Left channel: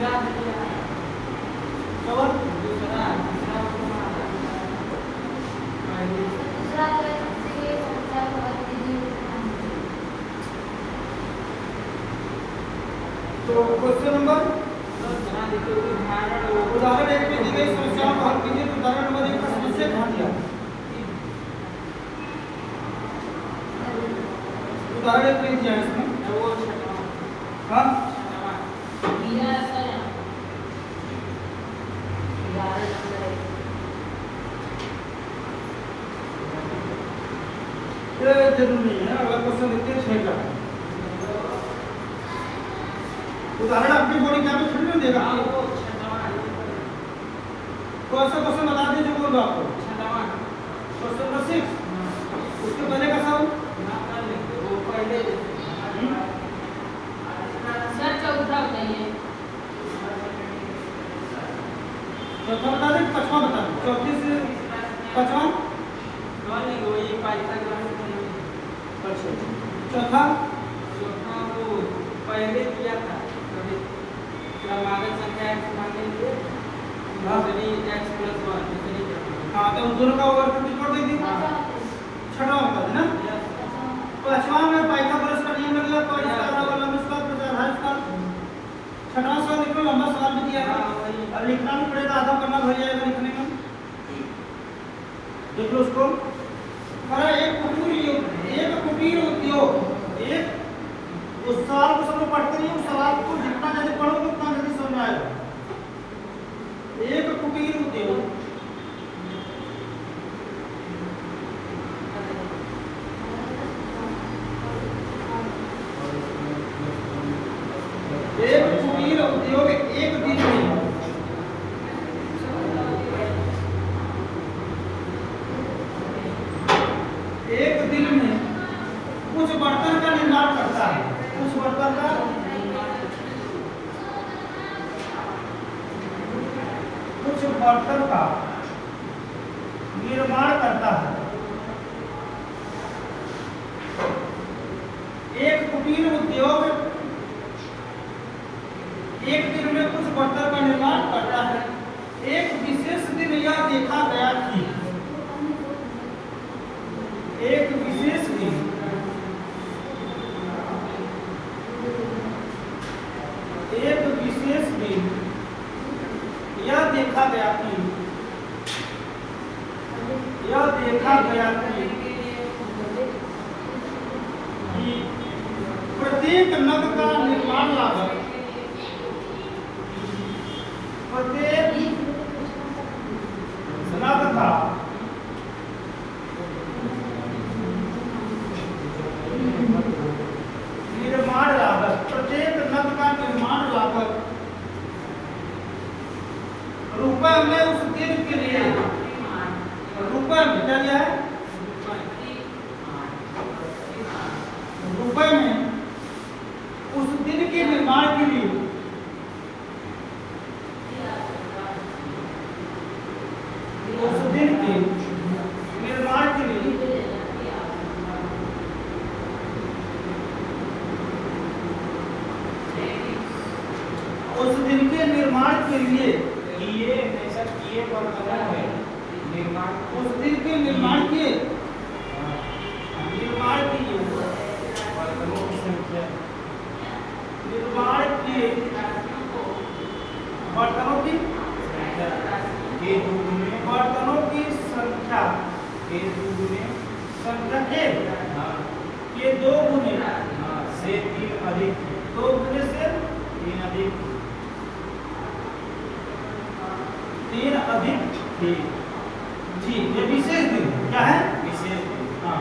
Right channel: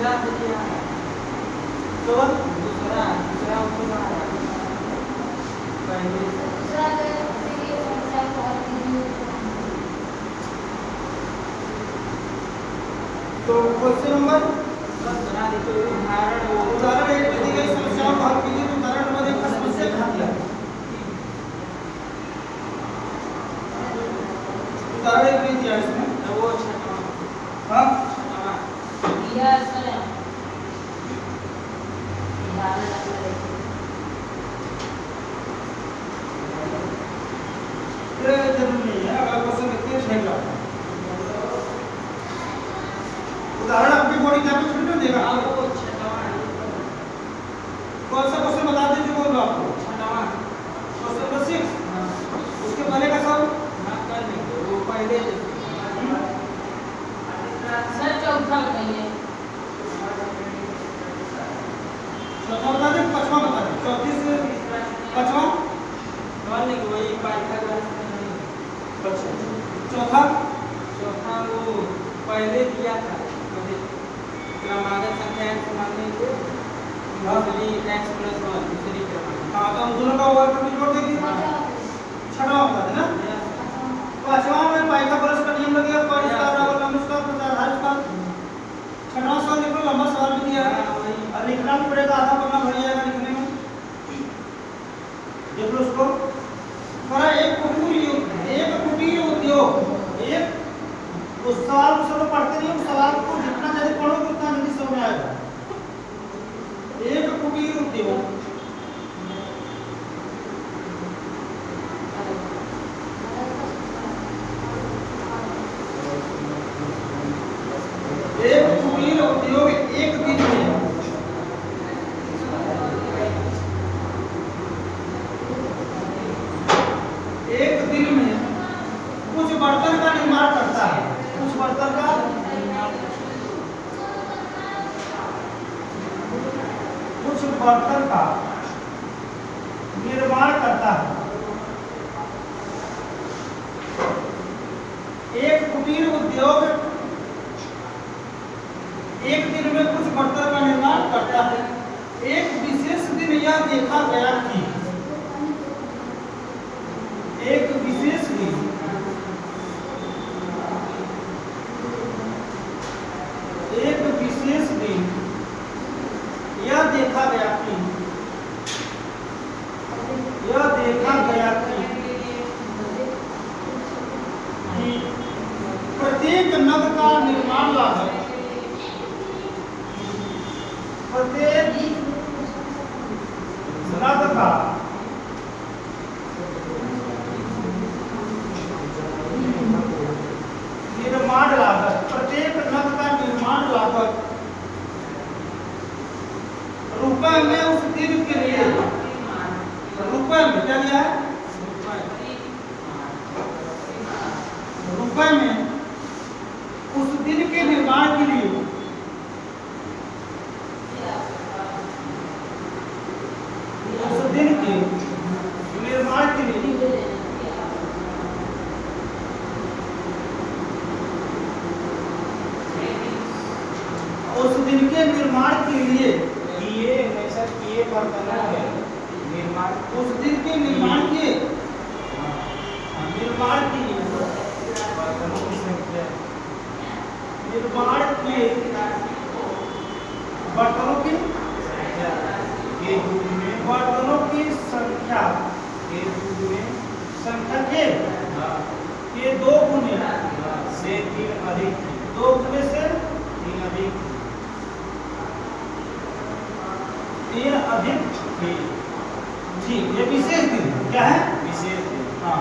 दूसरा उसको मारा पहले तो क्वेश्चन नंबर बना देखिए उदाहरण एक में दी गई समस्याओं को हल कीजिए। तो उदाहरण नंबर एक का समस्या ध्यान दिया। उदाहरण एक में दिया इसमें वो छठा हाँ जरूर नहीं है। अगला क्वेश्चन देखते हैं 6 का। उदाहरण आपकी बोर्ड एग्जाम में थोड़ी ना देगा। वो छठा कौन सा क्वेश्चन बता दीजिए बोल दो आपको। छठा क्वेश्चन नंबर 6 उसके पहले का सब कर लेंगे वो पहले सर चौथा बताइए चौथा बता दें पांचवा बता दें। चौथी से पांचवा कर लेंगे वही पाइथागोरस चौथा चौथा वो पहले दिया था क्रमागत संख्या x मानने के दूसरी x + 1 दूसरी तरफ हाँ तो उन दोनों का ओवर कंप्लीट कर देंगे। छठवां बता देना। पांचवा में पाइथागोरस का नियम लगेगा। कौन इसका बराबर लंब इसका प्लस आधा इसका। छठवां सवाल देखो लंबा सवाल भी दिया है और लिखना भी पड़ेगा। आधा पन्ना भर जाएगा लिखने में। देख लो उसको। एक कुटीर उद्योग एक उस सवाल को सब लोग पढ़ते नहीं। उस सवाल को जितना ज्यादा पढ़ोगे उतना जल्दी समझ में आएगा। एक कुटीर उद्योग एक दिन में कुछ बर्तन का निर्माण करता है। कुछ बर्तन का निर्माण करता है। एक कुटीर उद्योग एक दिन में कुछ बर्तन का निर्माण करता है। एक विशेष दिन यह देखा गया कि एक विशेष दिन यह देखा गया कि प्रत्येक नग का निर्माण लागत रुपए में उस दिन के लिए रुपए में क्या लिया है? रुपए में उस दिन के निर्माण के लिए उस दिन के निर्माण के लिए किए बर्तनों में निर्माण उस दिन के निर्माण के बर्तनों की संख्या निर्माण किए बर्तनों की के युग में बर्तनों की संख्या के युग में संख्या के दो गुने से 3 अधिक 2 गुने से 3 अधिक 3 अधिक थी। जी ये विशेष दिन क्या है? विशेष दिन हाँ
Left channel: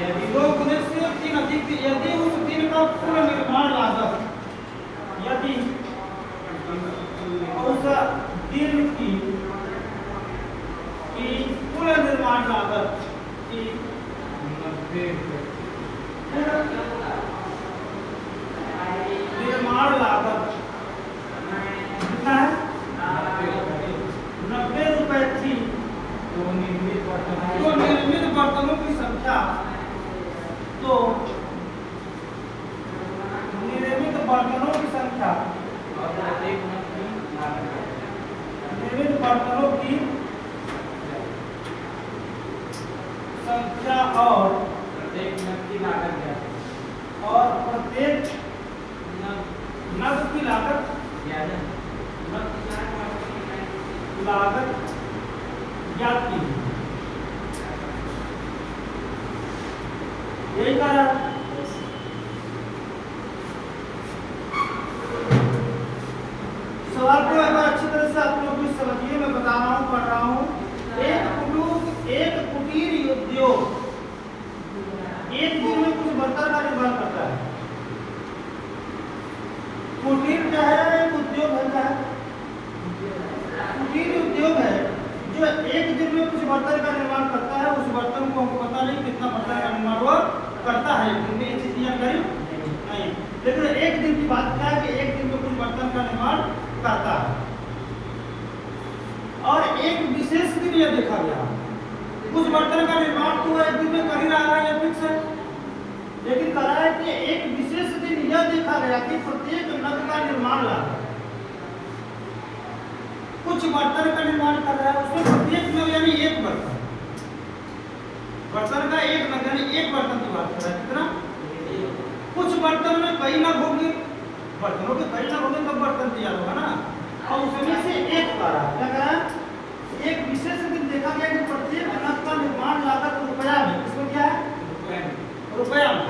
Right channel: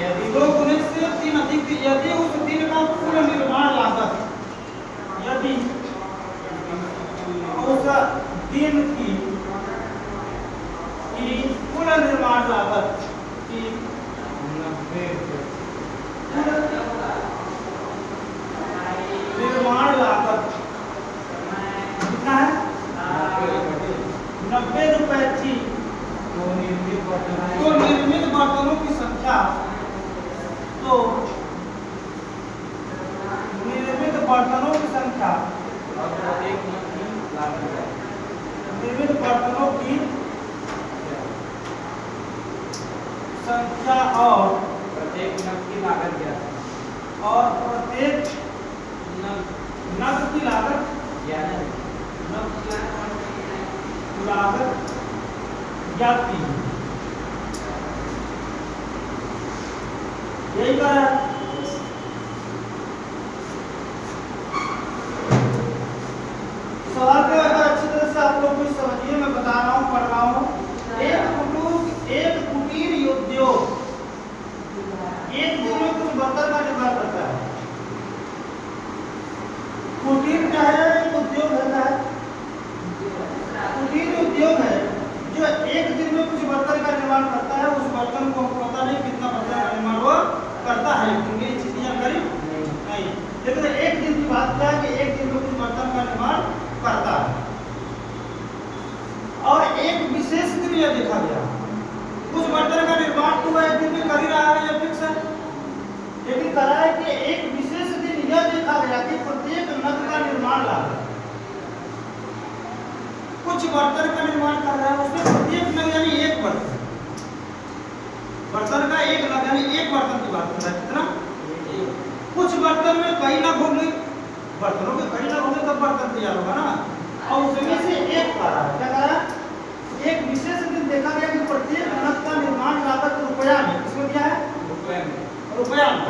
यदि 2 गुने से 3 अधिक थी। यदि उस दिन का कुल निर्माण लागत यदि उस दिन की कुल निर्माण लागत की 90 निर्माण लागत कितना है? 90 रुपए थी। तो निर्मित बर्तनों की संख्या तो निर्मित ज्ञात कीजिए। यही कह रहा है। सवाल को अगर अच्छी तरह से आप लोग भी समझिए, मैं बता रहा हूँ, पढ़ रहा हूँ। एक कुटीर उद्योग एक दिन में कुछ बर्तन का निर्माण करता है। कुटीर क्या है? एक उद्योग है, कुटीर उद्योग है जो एक दिन में कुछ बर्तन का निर्माण करता है। उस बर्तन को हमको पता नहीं कितना बर्तन का निर्माण वो करता है, क्योंकि ये चीज की जानकारी नहीं। लेकिन एक दिन की बात क्या है कि एक दिन में कुछ बर्तन का निर्माण करता है। और एक विशेष दिन यह देखा गया, कुछ बर्तन का निर्माण तो एक दिन में कर ही रहा है, यह फिक्स है। लेकिन कह रहा है कि एक विशेष दिन यह देखा गया कि प्रत्येक नग का निर्माण लागत, कुछ बर्तन का निर्माण कर रहा है, उसमें प्रत्येक नग यानी एक बर्तन का एक नग यानी एक बर्तन की बात कर रहा है। कितना? कुछ बर्तन में कई नग होंगे, बर्तनों के कई नग होंगे तब बर्तन तैयार होगा ना। और उसमें से एक कह रहा है, क्या कह रहा है? एक विशेष दिन देखा गया कि प्रत्येक नग का निर्माण लागत रुपया में, इसमें क्या है? रुपया में।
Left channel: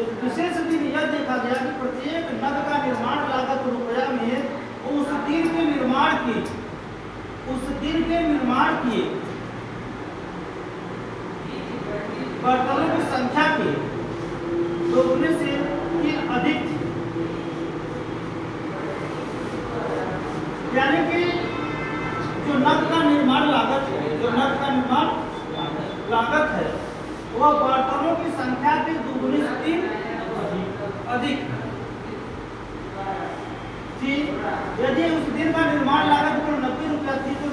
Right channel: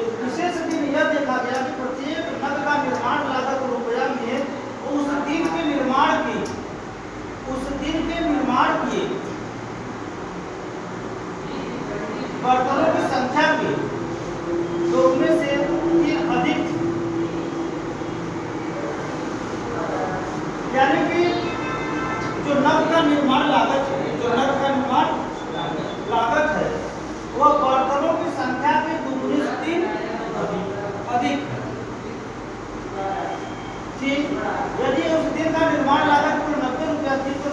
एक विशेष दिन यह देखा गया कि प्रत्येक नग का निर्माण लागत रुपया में, उस दिन के निर्माण की बर्तनों की संख्या के दोगुने से 3 अधिक थी। यानी कि जो नग का निर्माण लागत है, वह बर्तनों की संख्या के दोगुने से 3 अधिक थी। यदि उस दिन का निर्माण लागत कुल 90 रुपया थी तो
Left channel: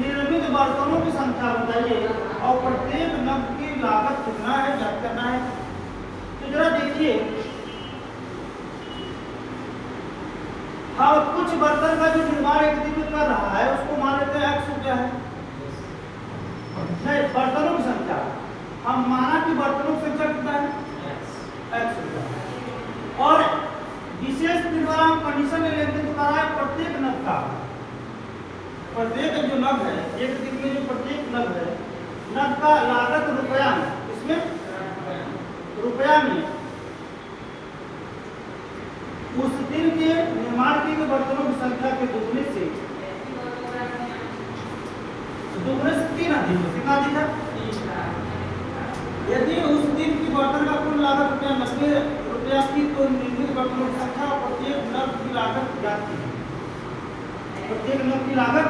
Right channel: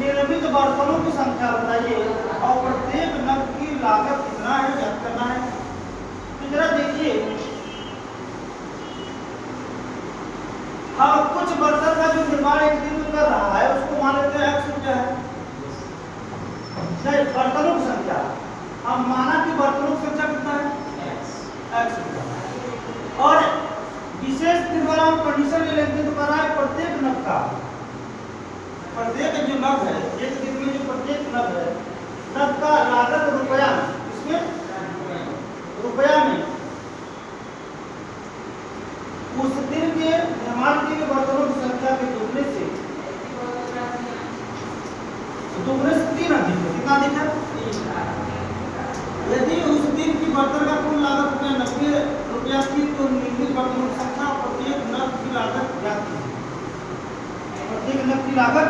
निर्मित बर्तनों की संख्या बताइए और प्रत्येक नग की लागत कितना है, ज्ञात करना है। तो जरा देखिए, हाँ, कुछ बर्तन का जो निर्माण एक दिन में कर रहा है उसको मान लेते हैं 100 रुपया है। नहीं, बर्तनों की संख्या हम माना कि बर्तनों की संख्या कितना है? 100 रुपया। और विशेष दिन वाला हम कंडीशन ले लेते हैं तो कह रहा है प्रत्येक नग का, प्रत्येक जो नग है, एक दिन में जो प्रत्येक नग है, नग का लागत रुपया में, इसमें रुपया में उस दिन के निर्माण किए गए बर्तनों की संख्या के दुगने से 3 अधिक है। कितना अधिक है? यदि उस दिन की बर्तन का कुल लागत रुपया 90 रुपया की तो निर्मित बर्तनों की संख्या प्रत्येक नग की लागत ज्ञात कीजिए। प्रत्येक नग की लागत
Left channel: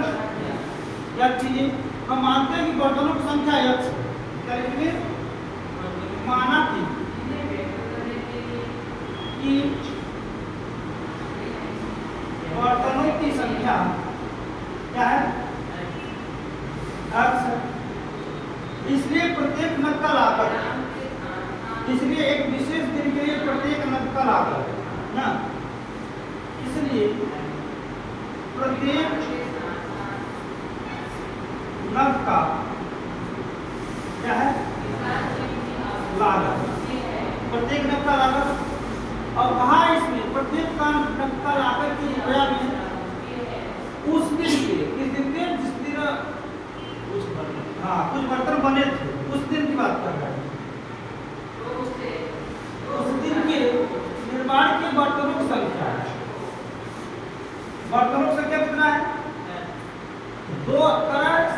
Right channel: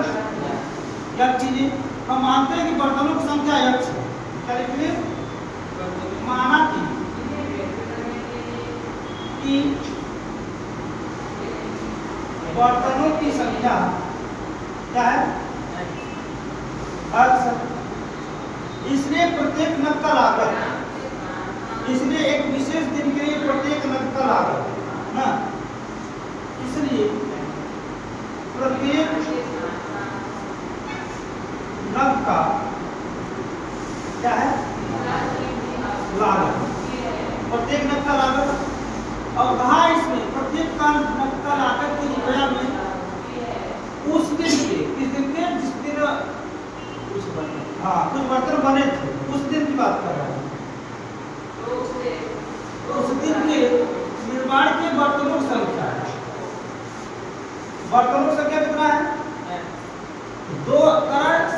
ज्ञात कीजिए। हम मानते हैं कि बर्तनों की संख्या x है, क्या लिखेंगे? माना कि बर्तनों की संख्या क्या है? x। इसलिए प्रत्येक नग का लागत, इसलिए एक विशेष दिन के लिए प्रत्येक नग का लागत ना, इसलिए प्रत्येक नग का क्या है? लागत, प्रत्येक नग का लागत। और कहा इसमें प्रत्येक का नग का लागत के रुपया में उस दिन के, किस दिन के? जिस दिन कुछ बर्तन बने थे, उस दिन की बात कर रहा है। उस दिन के निर्माण के बर्तनों की संख्या, बर्तनों की संख्या कितना है? 2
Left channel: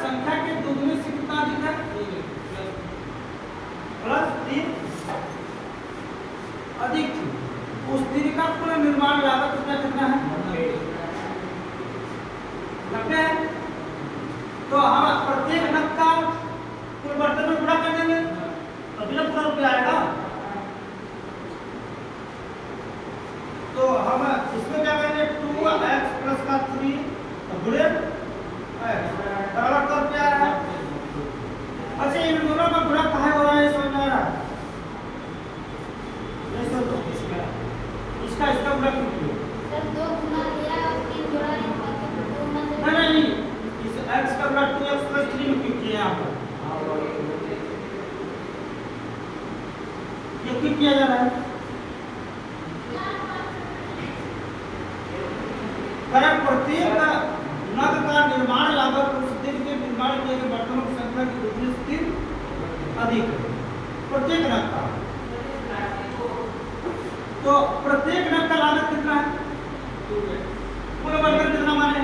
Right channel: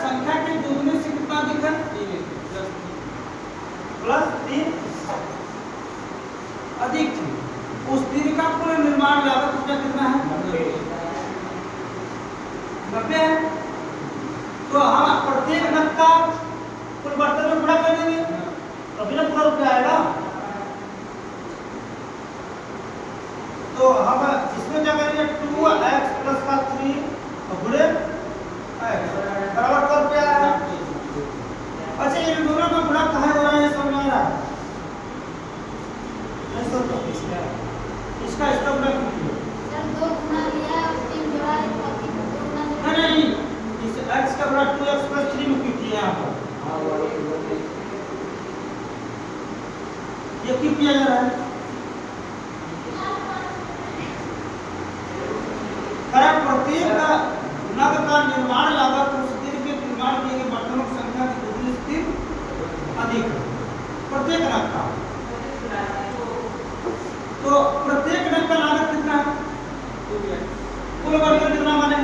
संख्या के दुगने से कितना अधिक है? +3 अधिक थी। उस दिन का कुल निर्माण लागत उसका कितना है? 90 है। तो हम प्रत्येक नग का कुल बर्तन में गुणा कर देंगे, तभी ना पूरा रुपया आएगा। तो हम इसमें क्या करेंगे? 2x + 3 गुणे x बराबर क्या रुपया है? अच्छा, इन दोनों का गुणा कहाँ हो रहा है? समझ आ रहा है? इसका गुणा कीजिए। जब 2 गुना लिया और 3 जोड़ा है तो 2 गुना नहीं, इस x का गुणा 2x + 3 में किया यहाँ पर। ये क्यों किया जा रहा है? प्रत्येक नग का निर्माण लागत उस दिन के इस्तेमाल किए गए बर्तनों की संख्या की दोगुनी से अधिक है प्रत्येक नग का। तो प्रत्येक नग का लागत कितना है? कुल बर्तन कितना माने?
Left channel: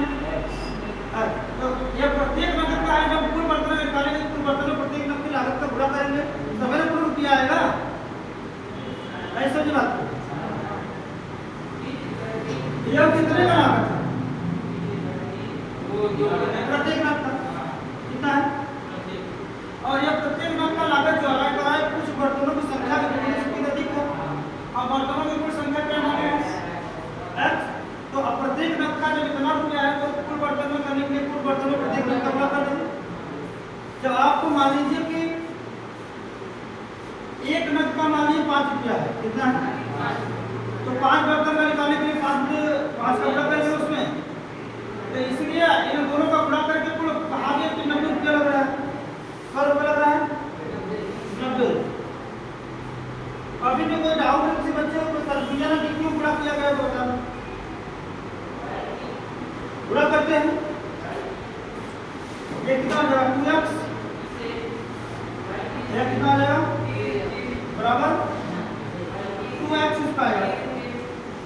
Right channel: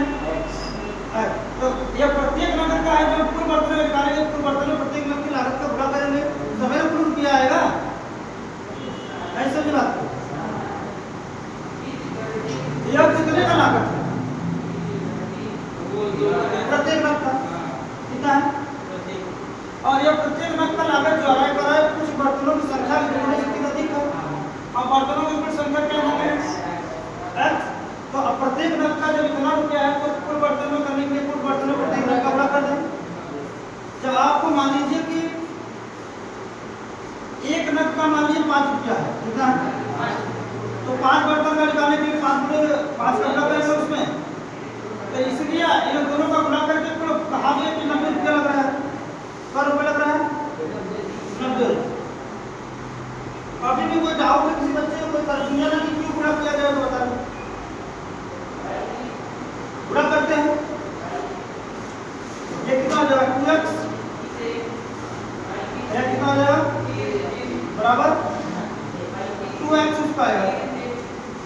तो ये प्रत्येक नग का है, जब कुल बर्तन निकालेंगे कुल बर्तन में प्रत्येक नग की लागत का गुणा करेंगे तो हमें कुल रुपया आएगा। ऐसा की बात यह कितने का लागत है? प्रत्येक नग का कितना है? और यह प्रत्येक नग का लागत जो है कुछ बर्तनों की संख्या की दोगुनी से अधिक है। अब बर्तनों की कुल संख्या क्या है? x। तो अब प्रत्येक नग का जब इतना रुपया है तो कुल बर्तन में करने के लिए कुल बर्तनों प्रत्येक नग का गुणा कर दें। जब आपको मान लीजिए कि एक नग का मान लीजिए 5 रुपया है, कितना है? तो 5 बर्तन का निकालने के लिए 5 का गुणा करेंगे उसमें, तो इसलिए इन दोनों का गुणा करके कुल कहा गया कि 90 रुपया लग रहा है। क्या रुपया लग रहा है? 90। अभी भी कोई डाउट है किसी बच्चे को, कोई कंफ्यूजन है कि क्यों गुणा किया गया तो बता दो। गुणा करते हैं, ये कितना हो जाएगा? 2x ये कितना हो जाएगा? बराबर 2x स्क्वायर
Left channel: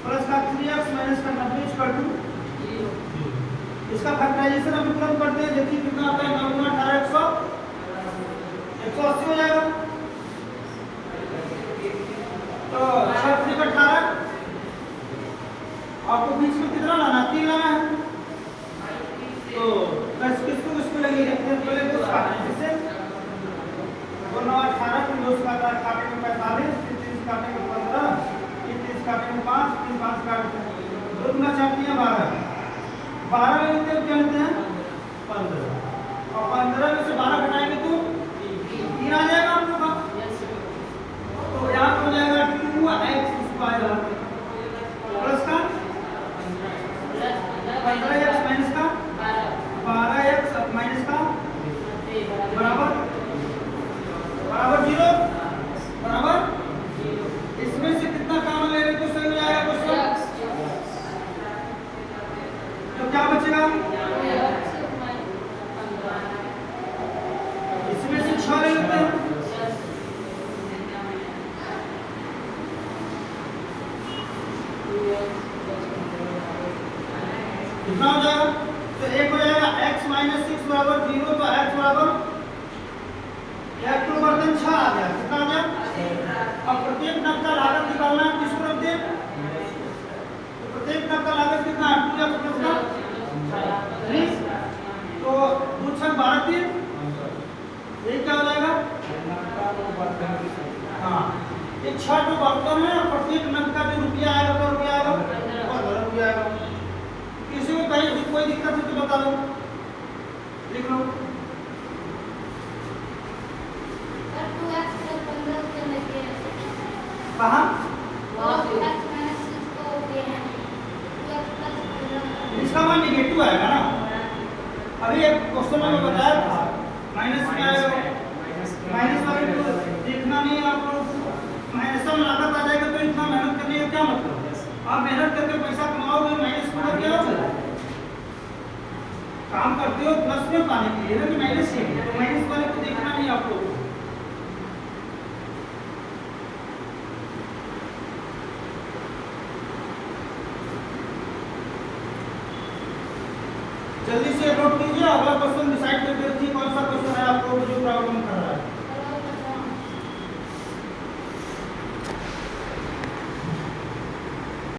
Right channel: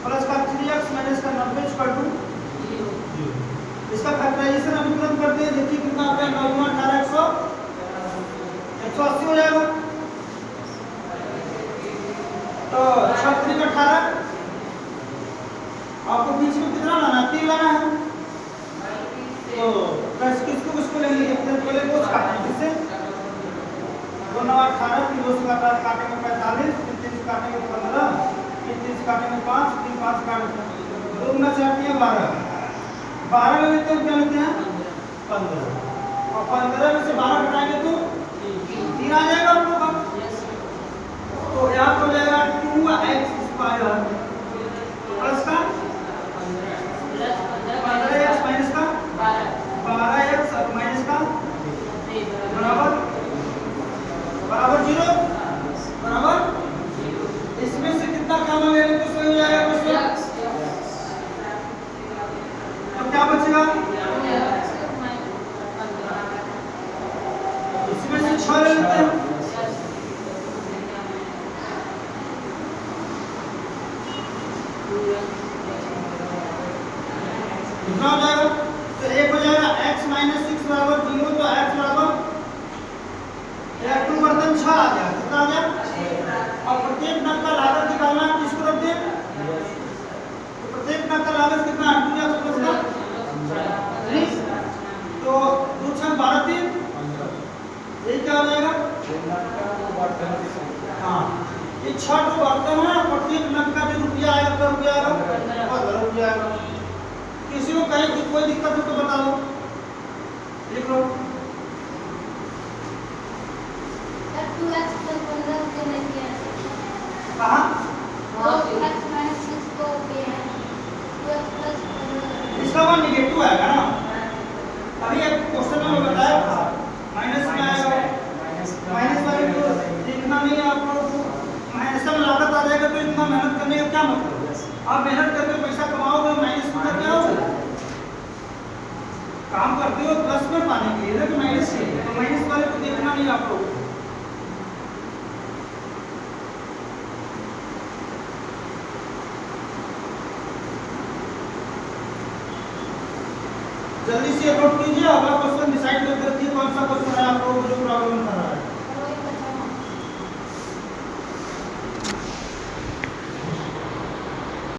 प्लस का 3x माइनस का 90 इक्वल टू 0। इसका फैक्टराइजेशन अभी तुरंत करते हैं, देखिए कितना आता है? 9 गुना 18 180 हो जाएगा। तो 36 का 18 आपको बीच में कितना लाना है? 3 लाना है। तो किसको लेंगे? पहले दो काटते हैं, किससे? 2 9 18 फिर 2 से काटे में 45 फिर 3 से काटे में 15 फिर 3 से काटे में 5 फिर 5 काटे में 2 गुना 4 किया 12 12 लेते हैं, क्या लेते हैं? 15। और 15 में से 12 घटाएंगे तो 3 आ जाएगा हम लोग का। तो यहाँ हो जाएगा 2x स्क्वायर प्लस का 15x माइनस का 12x माइनस का बराबर 0 बराबर। इसमें से कितना कॉमन ले लें तो सही हो जाएगा क्वेश्चन। तो क्या बचेगा? इसमें से 6 ले लेते हैं। कितना हो जाएगा? तो एक हो जाएगा x माइनस 6 बराबर 0। तो x बराबर एक बर्तन 6 आ गया। कितना आ गया? अब प्रत्येक नग का लागत निकालना है, किसको रख दिया? तो प्रत्येक नग का लागत कितना है? 2x प्लस का 3। तो 2 6 12 3 ये क्या हो जाएगा? हाँ, ये 6 जो बर्तन है प्रत्येक नग का जो रुपया आएगा क्या रुपया आएगा? 15 रुपया आएगा। किसी को कहीं कोई दिक्कत हो तो बता दो, लिख लो। 2x प्लस 15 से लेके कहाँ? 2x माइनस 6 को के 2x प्लस 15 इसका मान नेगेटिव आएगा ना। अभी एक क्वेश्चन में बताया था माइनस में आएगा, माइनस वाले को देखना नहीं है आपको। माइनस में लागत आ जाएगा तो इतना मेहनत करने का क्या मतलब? आप मेहनत करके पैसा कमाओगे, माइनस में क्या होगा? काम करते हो प्लस में पाने के लिए ना कि माइनस के लिए, तो माइनस वाले को देखना नहीं आप लोगों को। जल्दी से नोट कीजिए, अगला क्वेश्चन डिसाइड करके रखिए कौन सा क्वेश्चन है आप लोगों को जो प्रॉब्लम कर रहा है।